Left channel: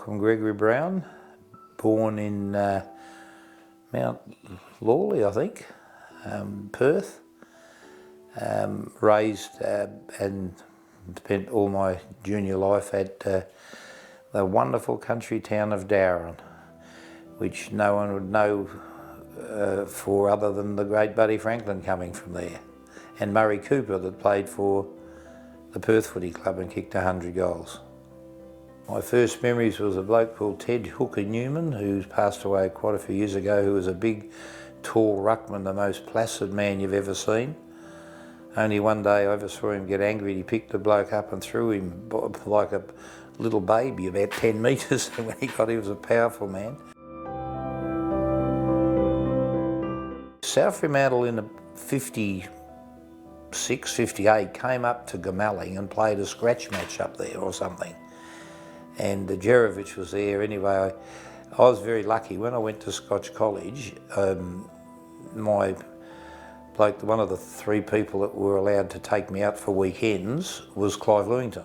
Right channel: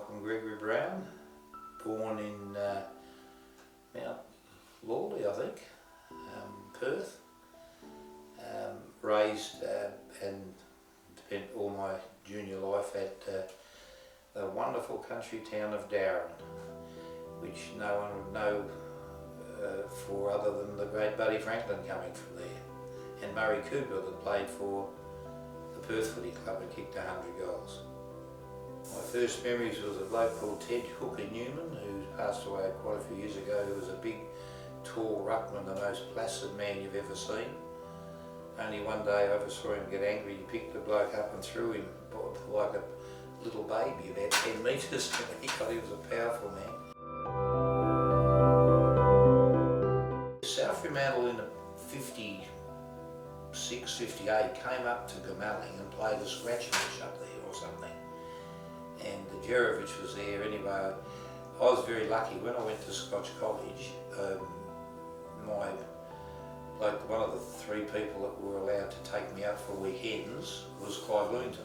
Malcolm Gregory Brown, born in Mount Lawley, I think, Perth. Raised and spent all my junior life at the wonderful country town of Darren, which no one would know for other than the great Buddy Franklin coming from there, and Murray Cooper that played for the Perth Footy Club and kicked 100 goals. My first memories was a bloke called Ted Hooker Newman, who's passed away quite a few years ago, who was a big, tall ruckman, the most placid man you've ever seen. Only one day I ever saw him get angry. He picked the bloke up and threw him like a little baby about 10 metres. He was a powerful man. South Fremantle in the 56, 58 came up to Gamalling and played a scratch match up there or something. And Jerovich was there. Anyway, I was very lucky. When I went to Scotch College, my bloke, one of the three people that were allowed to take me out for weekends was Clive Lewington.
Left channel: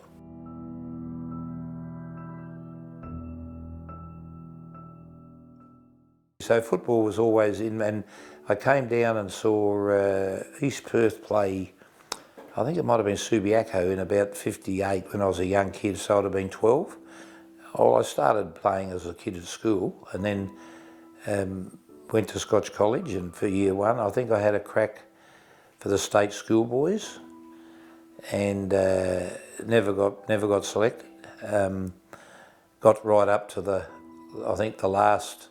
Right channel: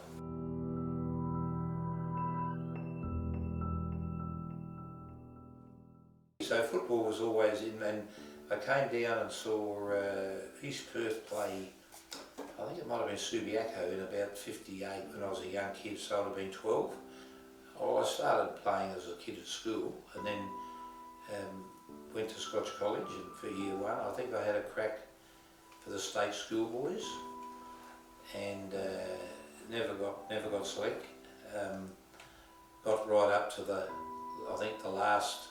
So football was always in, and I came down and saw East Perth play, I think it might have been Subiaco in about 58 when I was a young kid, so I'd have been 12. Well, I started playing as a kid at school and then went to Scotch College, and for year one I think I had a crack for the state schoolboys and never got selected. Got right up to I think the last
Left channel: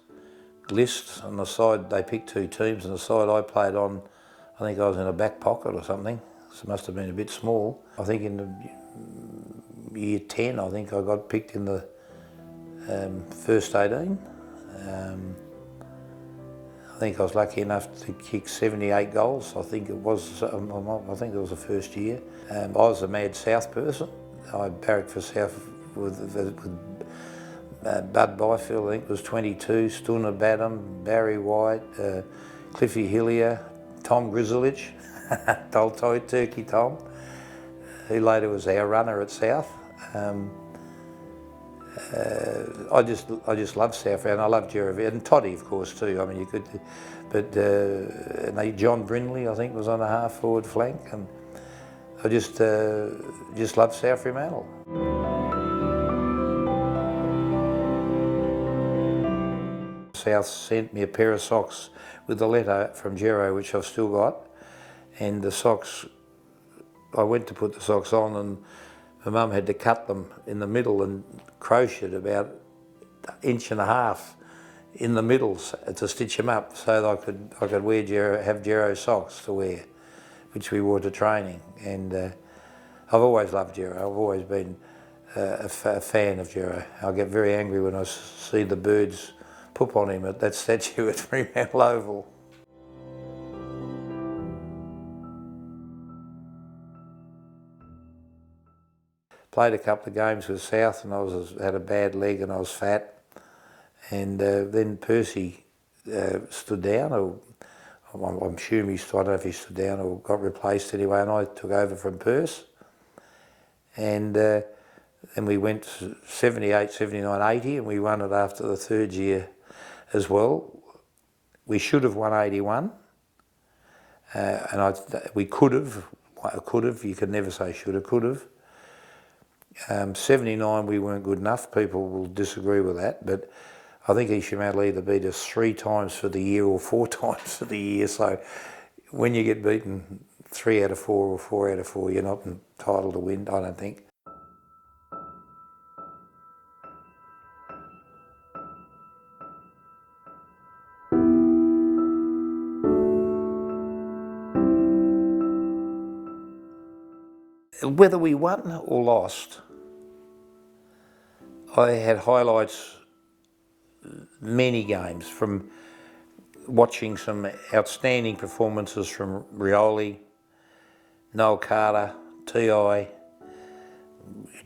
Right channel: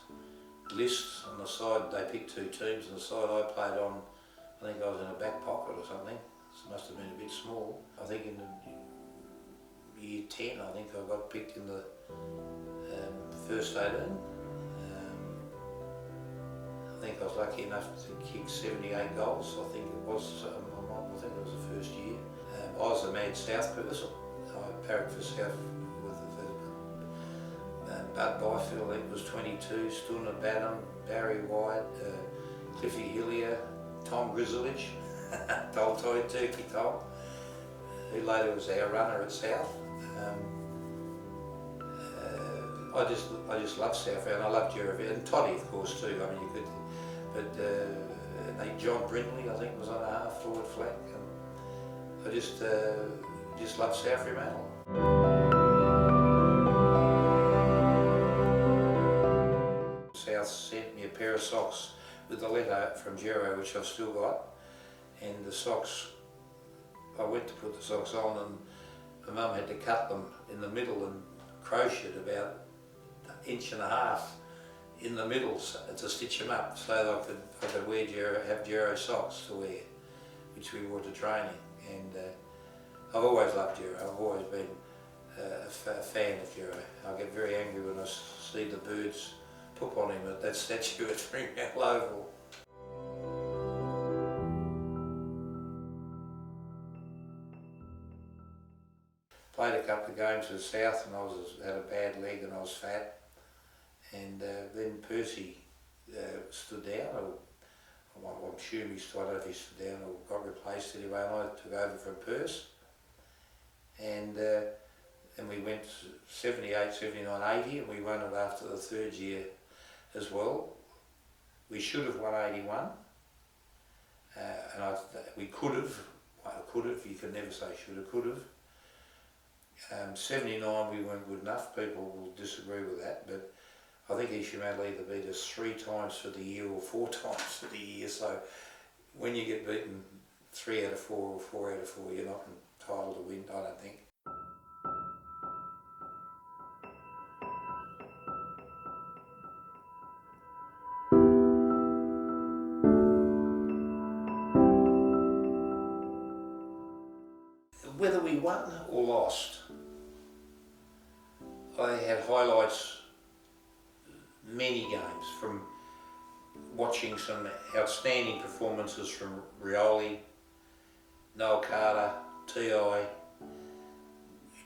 list. On the side they picked two teams, and the side I played on, I think I was in a back pocket or something, so it must have been a bit small. I think in the year 10 I think I got picked in the first 18. I think I was lucky enough to kick 78 goals. I think it was the first year. I was a mad South person. I barracked for South with Bud Byfield, I think was 22, Stunner Badham, Barry White, Cliffy Hillier, Tom Grizzlich, Turkey Tom, who later was our runner at South. I just loved South, and I loved Jeremy and Toddy, of course, too. I mean, you could, but John Brindley, I think, was on the half forward flank, and I just loved South Fremantle. South sent me a pair of socks with a letter from Gero, which I've still got, and the socks, I went to put the socks on, and my mum had to cut them in the middle and crocheted about an inch and a half in the middle to stitch them up so that I could wear have Gero socks to wear, which we wore to training. And I've always loved Gero. I've always been a fan of Gero. I get very angry when I see the birds poop on him at that statue at Fremantle Oval. Played a couple of games with South, and I had a bad leg and I was fat. And then Percy stood down, or I'm assuming I don't know if he stood down or got replaced anyway, and I took over from Percy. And then we went 78, 79, 80, and we won it after the third year as well. We should have won 81, and we could have, you can never say should have, could have. 79 we weren't good enough. People will disagree with that, but I think East Fremantle either beat us 3 times for the year or 4 times for the year. So when you get beaten 3 out of 4 or 4 out of 4, you're not entitled to win, I don't think. Whether we won or lost, I had highlights many games from watching some outstanding performances from Rioli, Noel Carter, T.I.,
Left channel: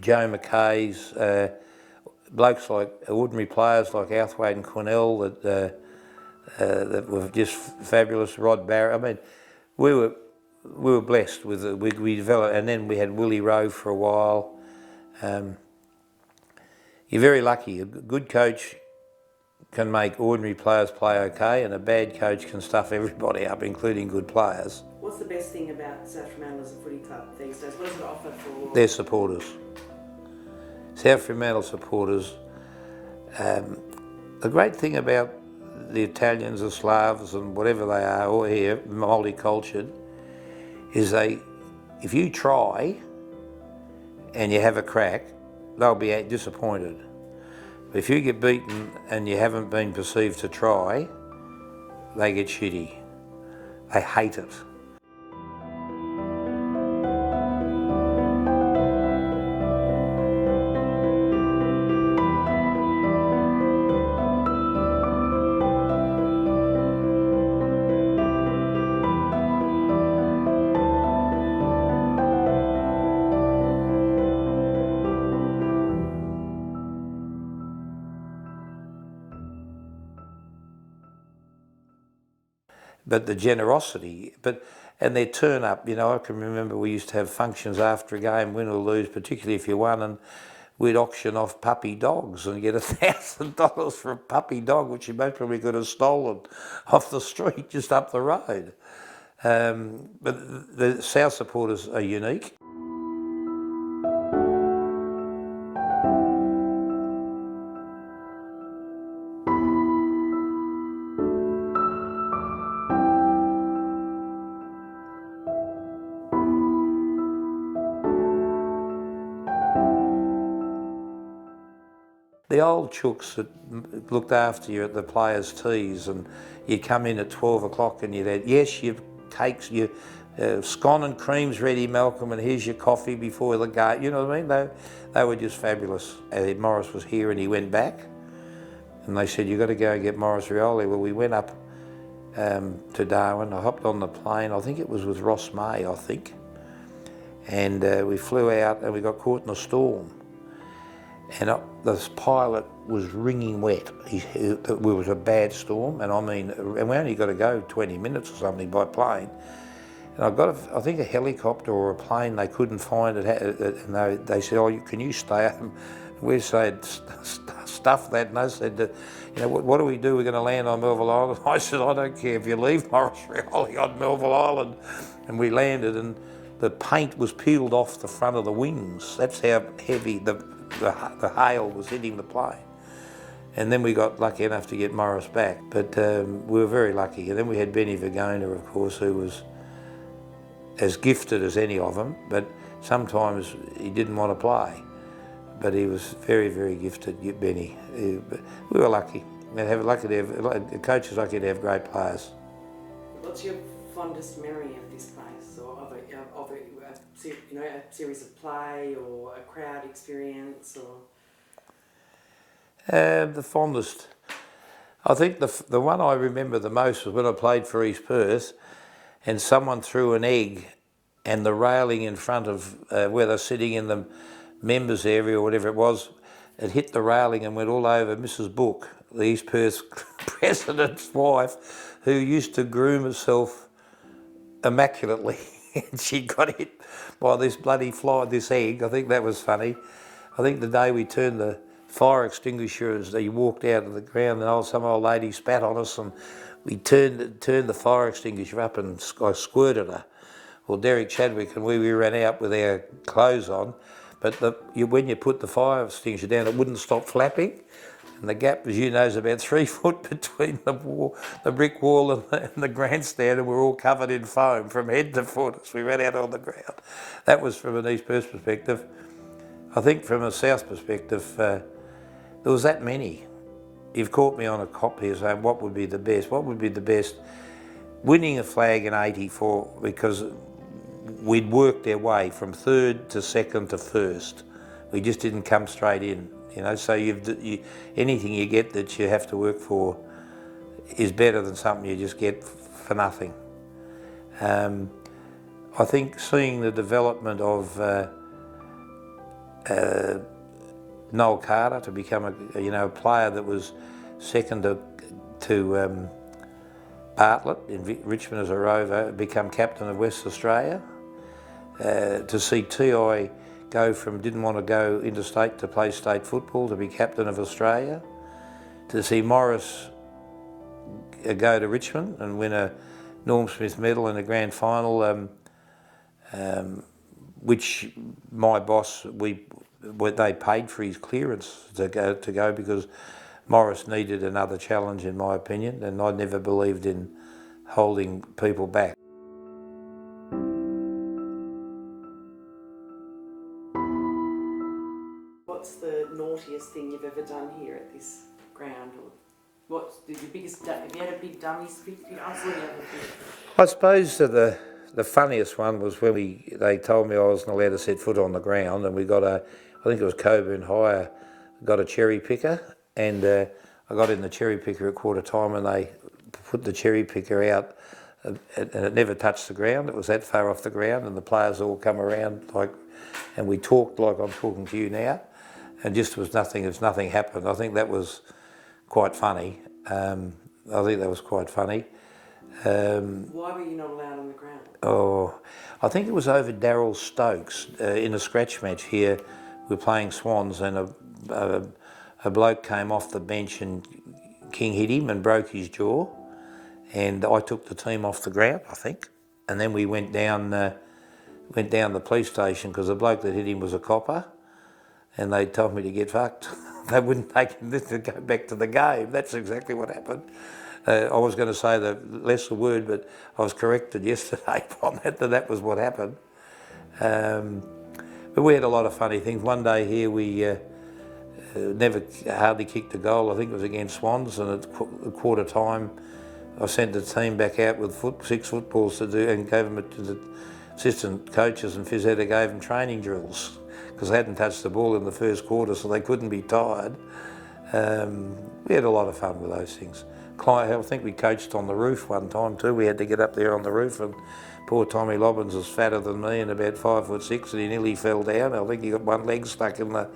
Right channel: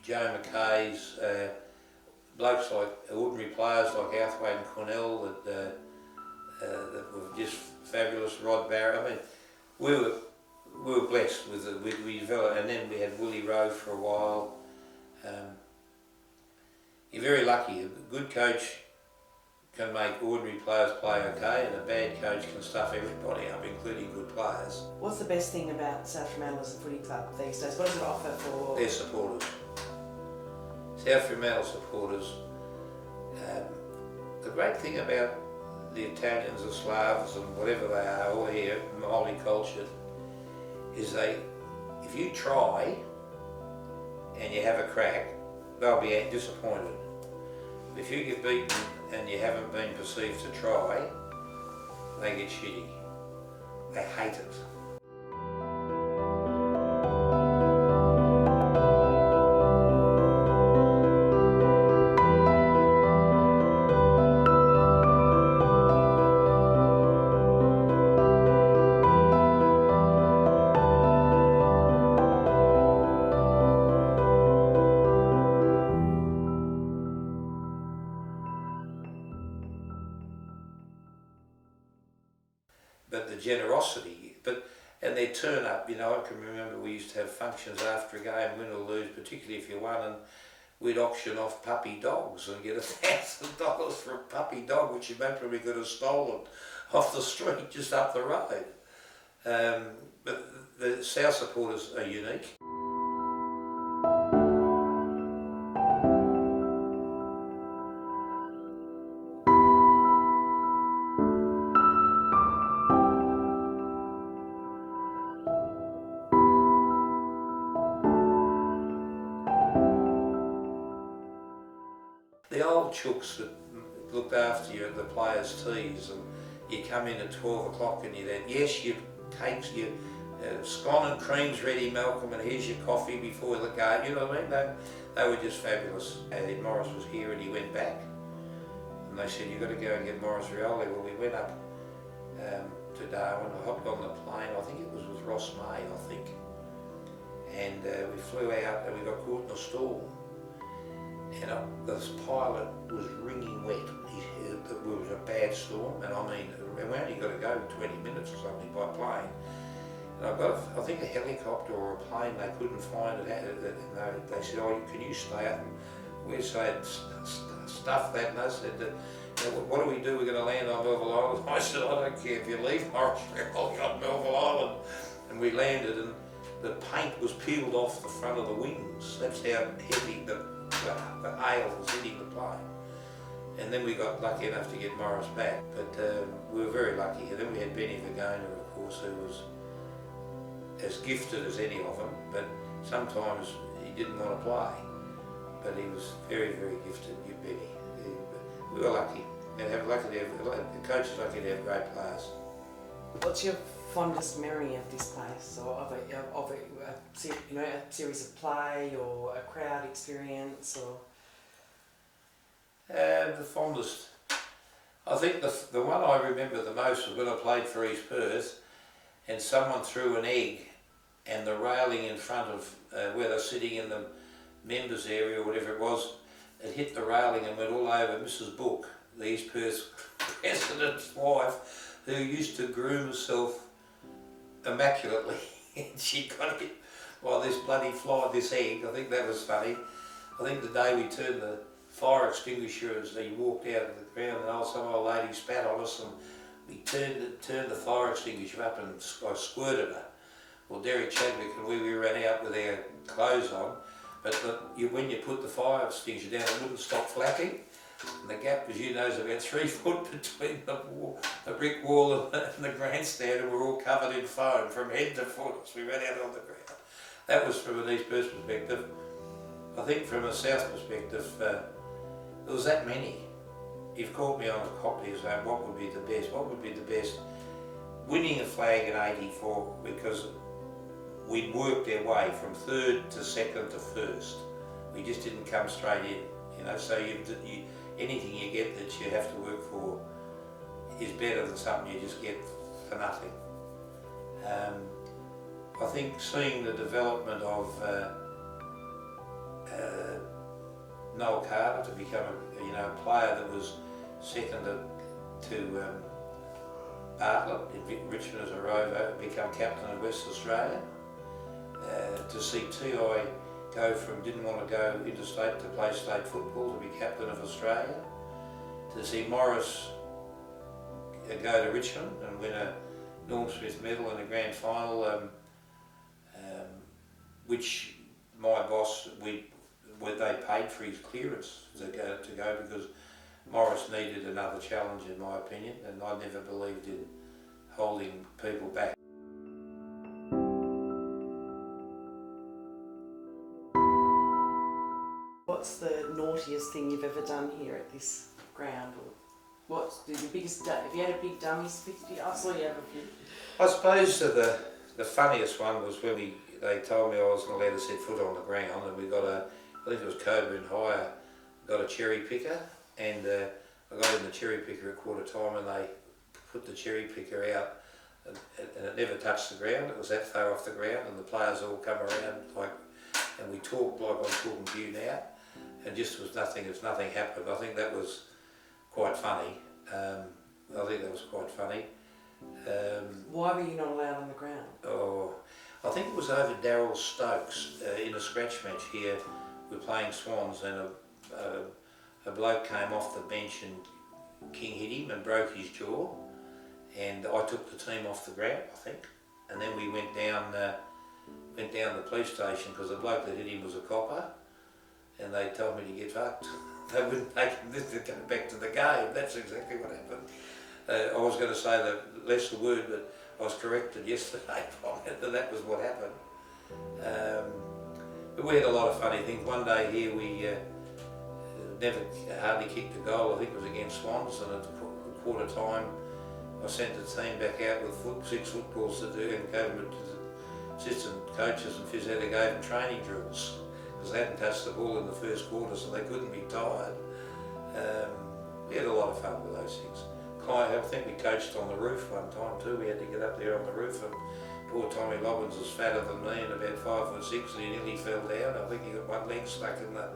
Joe McKay's, blokes like ordinary players like Outhwaite and Cornell that were just fabulous. Rod Barrett. I mean, we were blessed with it. We developed, and then we had Willie Rowe for a while. You're very lucky. A good coach can make ordinary players play okay, and a bad coach can stuff everybody up, including good players. What's the best thing about South Fremantle as a footy club these days? What does it offer for... Their supporters. South Fremantle supporters. The great thing about the Italians, the Slavs and whatever they are, all here, multicultural, is if you try and you have a crack, they'll be disappointed. If you get beaten and you haven't been perceived to try, they get shitty. They hate it. But the generosity, and their turn up, I can remember we used to have functions after a game, win or lose, particularly if you won, and we'd auction off puppy dogs and get $1,000 for a puppy dog, which you probably could have stolen off the street just up the road. But the South supporters are unique. The old chooks that looked after you at the players' teas, and you'd come in at 12 o'clock and you'd have, yes, your cakes, your scone and cream's ready, Malcolm, and here's your coffee before the game, you know what I mean? They were just fabulous. And Morris was here and he went back, and they said, you've got to go and get Morris Rioli. Well, we went up to Darwin. I hopped on the plane, I think it was with Ross May, and we flew out and we got caught in a storm. And this pilot was wringing wet. It was a bad storm, and we only got to go 20 minutes or something by plane. And I got, I think, a helicopter or a plane they couldn't find it, and they said, "Oh, can you stay up?" And we said, "Stuff that." And they said, "What do we do? We're going to land on Melville Island." I said, "I don't care if you leave Morris Rioli on Melville Island." And we landed, and the paint was peeled off the front of the wings. That's how heavy the hail was hitting the plane. And then we got lucky enough to get Morris back, but we were very lucky. And then we had Benny Vergona, of course, who was as gifted as any of them, but sometimes he didn't want to play. But he was very, very gifted, Benny. We were lucky. Coaches lucky to have great players. What's your fondest memory of this place, or of a series of play or a crowd experience, or? The fondest. I think the one I remember the most was when I played for East Perth, and someone threw an egg, and the railing in front of where they're sitting in the members area or whatever it was, it hit the railing and went all over Mrs. Book, the East Perth president's wife, who used to groom herself immaculately, and she got hit by this bloody fly, this egg. I think that was funny. I think the day we turned the fire extinguisher, as he walked out of the ground, and some old lady spat on us, and we turned the fire extinguisher up, and I squirted her. Well, Derek Chadwick and we ran out with our clothes on, but when you put the fire extinguisher down, it wouldn't stop flapping. And the gap, as you know, is about 3 foot between the brick wall and the grandstand, and we're all covered in foam from head to foot as we ran out on the ground. That was from an East Perth perspective. I think from a South perspective, there was that many. You've caught me on a cop here saying what would be the best. What would be the best? Winning a flag in '84, because we'd worked our way from third to second to first. We just didn't come straight in. So anything you get that you have to work for is better than something you just get for nothing. I think seeing the development of Noel Carter to become a player that was second to Bartlett in Richmond as a rover, become captain of West Australia, to see T.I. didn't want to go interstate to play state football, to be captain of Australia, to see Morris go to Richmond and win a Norm Smith medal in the grand final, which my boss, they paid for his clearance to go because Morris needed another challenge, in my opinion, and I never believed in holding people back. What's the naughtiest thing you've ever done here at this ground? Or what's the biggest? Have you had a big dummy spit? I saw you have a big. I suppose that the funniest one was when they told me I wasn't allowed to set foot on the ground, and we got I think it was Coburn Higher, got a cherry picker, and I got in the cherry picker at quarter time, and they put the cherry picker out, and it never touched the ground. It was that far off the ground, and the players all come around and we talked like I'm talking to you now, and just nothing happened. I think that was quite funny. Why were you not allowed on the ground? Oh, I think it was over Darryl Stokes in a scratch match here. We were playing Swans, and a bloke came off the bench and King hit him and broke his jaw, and I took the team off the ground, I think, and then we went down the police station because the bloke that hit him was a copper, and they told me to get fucked. They wouldn't take him to go back to the game. That's exactly what happened. I was going to say less the word, but I was corrected yesterday on that was what happened. But we had a lot of funny things. One day here we hardly kicked a goal. I think it was against Swans, and at quarter time I sent the team back out with 6 footballs to do, and gave them to the assistant coaches and physio. Gave them training drills because they hadn't touched the ball in the first quarter, so they couldn't be tired. We had a lot of fun with those things. I think we coached on the roof one time too. We had to get up there on the roof, and poor Tommy Lobbins was fatter than me and about 5'6", and he nearly fell down. I think he got one leg stuck in the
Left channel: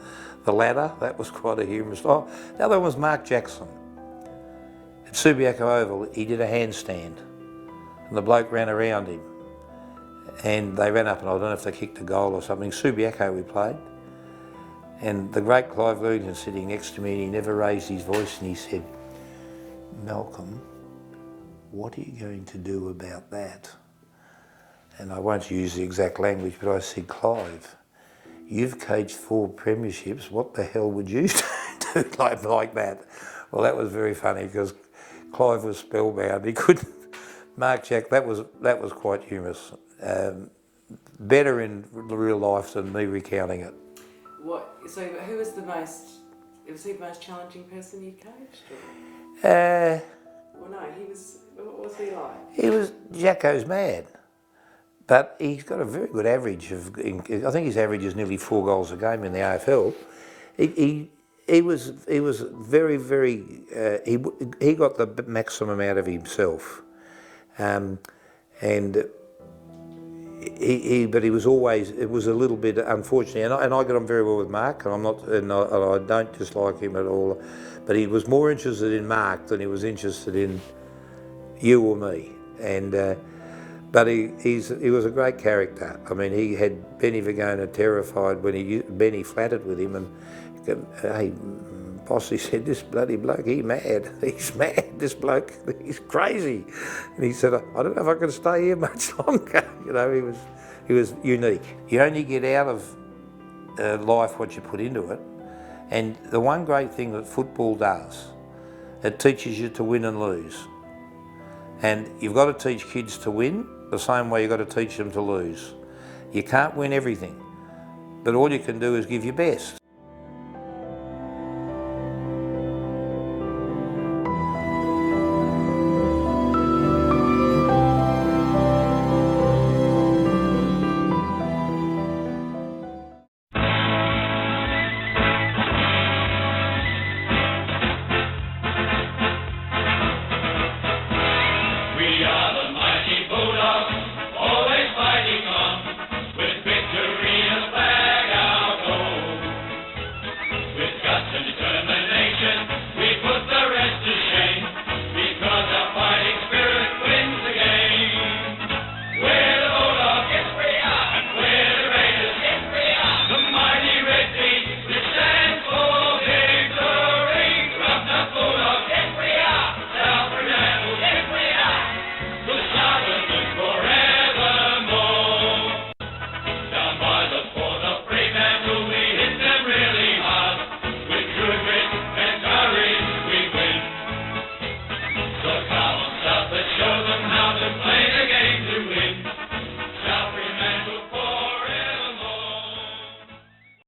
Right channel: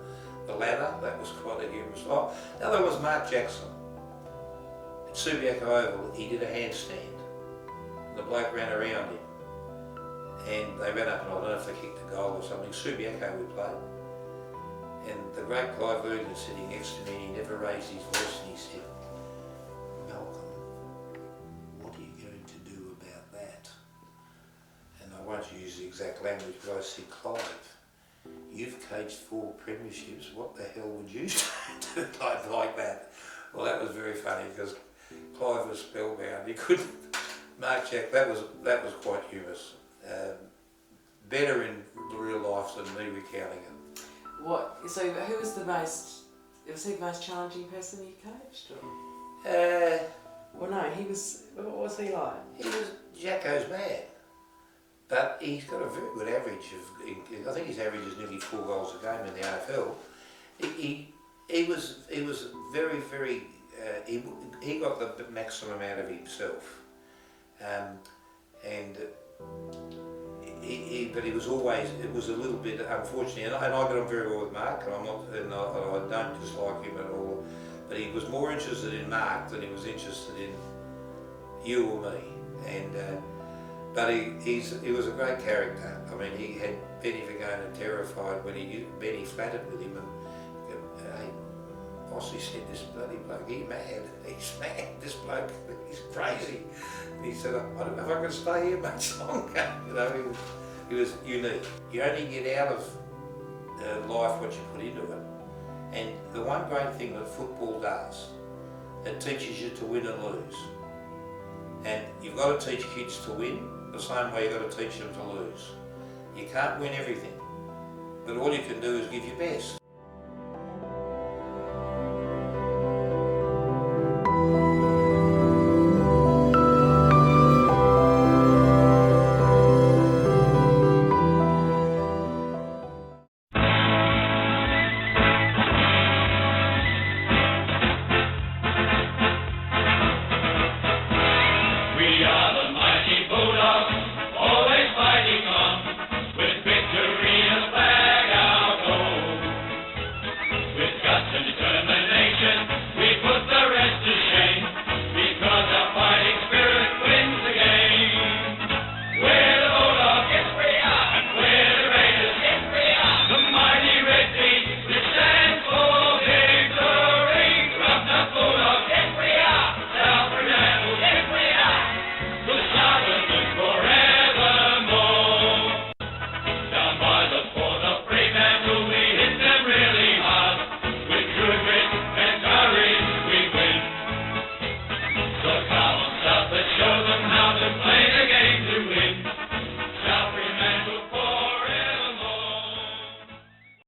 ladder. That was quite a humorous. Oh, the other was Mark Jackson. At Subiaco Oval, he did a handstand, and the bloke ran around him, and they ran up, and I don't know if they kicked a goal or something. Subiaco we played, and the great Clive Luton was sitting next to me, and he never raised his voice, and he said, "Malcolm, what are you going to do about that?" And I won't use the exact language, but I said, "Clive, you've coached 4 premierships, what the hell would you do like that?" Well, that was very funny because Clive was spellbound. He couldn't. Mark Jack, that was quite humorous. Better in real life than me recounting it. So who was he the most challenging person you coached? Well, no, what was he like? Jacko's mad, but he's got a very good average I think his average is nearly 4 goals a game in the AFL. He was very, very, he got the maximum out of himself, and but he was always, it was a little bit, unfortunately, and I got on very well with Mark, and I don't dislike him at all, but he was more interested in Mark than he was interested in you or me, but he was a great character. I mean, he had Benny Vagona terrified when Benny flattered with him, and "Hey, boss," he said, "this bloody bloke, he's mad, this bloke, he's crazy." And he said, "I don't know if I can stay here much longer." You know, he was unique. You only get out of life what you put into it. And the one great thing that football does, it teaches you to win and lose. And you've got to teach kids to win the same way you've got to teach them to lose. You can't win everything, but all you can do is give your best.